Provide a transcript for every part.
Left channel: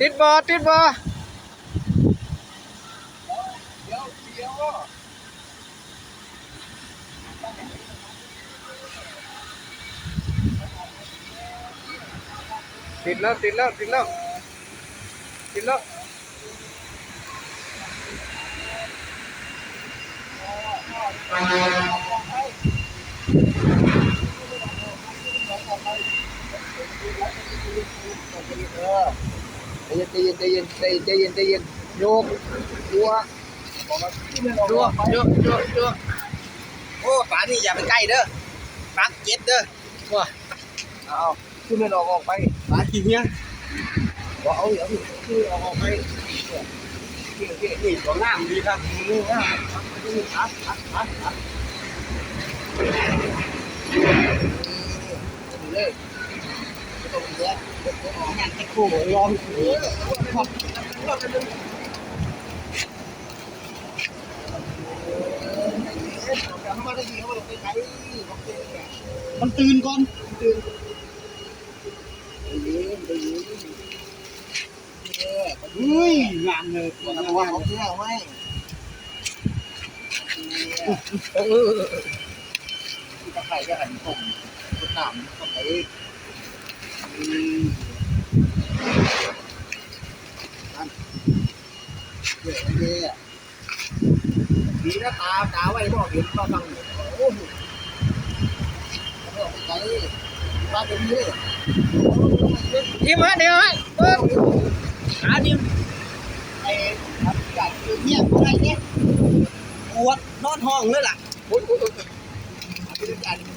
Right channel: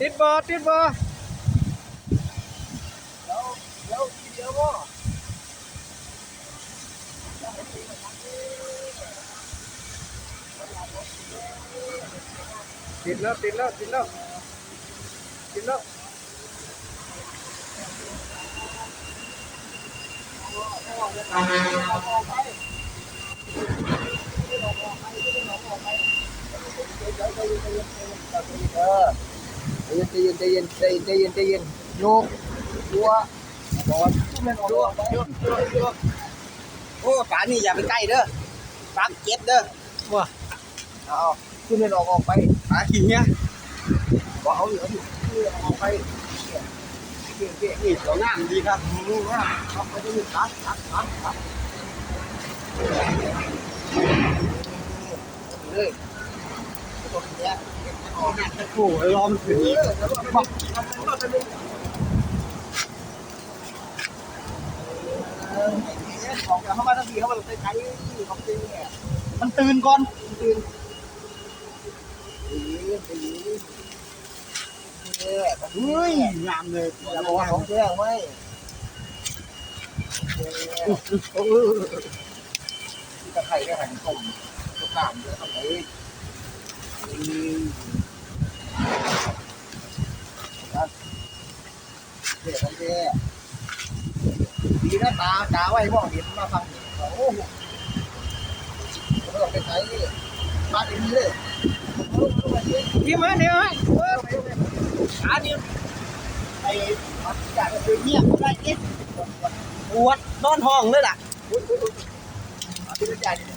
ติดบ่ติดบ่เดี๋ยวเดี๋ยวว่าติดแล้วติดแล้วติดแล้วติดแล้ว ใจเย็นใจเย็นใจเย็นใจใจเย็นใจเย็นโยกดัวบอลขึ้นมันออกจั่วไปจั่วจั่วจั่วโอ้ป่านี่อย่าไปใกล้เด้อปากเจ็บเด้อว้าเอาขึ้นมันออกออกไปป่าขี้เหี้ยว่าเอาเอาขึ้นออกออกไปเก่งเก่งนี่ตัวงามดีครับนี่ว่าครับไปที่ครับครับครับครับเลย ตรงนี้ของหันตะกูลองขึ้นอีกออกเข้ามาทันทีเข้ามาใกล้ๆของจริงเนี่ยมันตื่นก่อนตื่นไปยิงไปยิงนี่แหละเฮ้ยงามเลยอย่าบอกว่าของแท้ไหมเออที่ตะไคร้ก็หันผมจะตามเยอะเข้าไปนั่นเดีนะตาตาไว้มองเห็นมาฟังเห็นโอ้โหไปใช้มาเดี๋ยวนี้เลยทีมาเดี๋ยวฮะเอิ้นขาดิมไอ้มันกัดเงียบได้เนี่ยปวดนอนห้องเลยล่ะ โอ้ยโอ้ยโอ้ยมาพิจารณา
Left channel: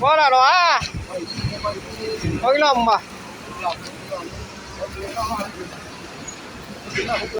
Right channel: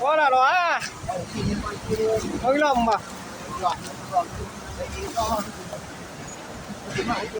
พอและหร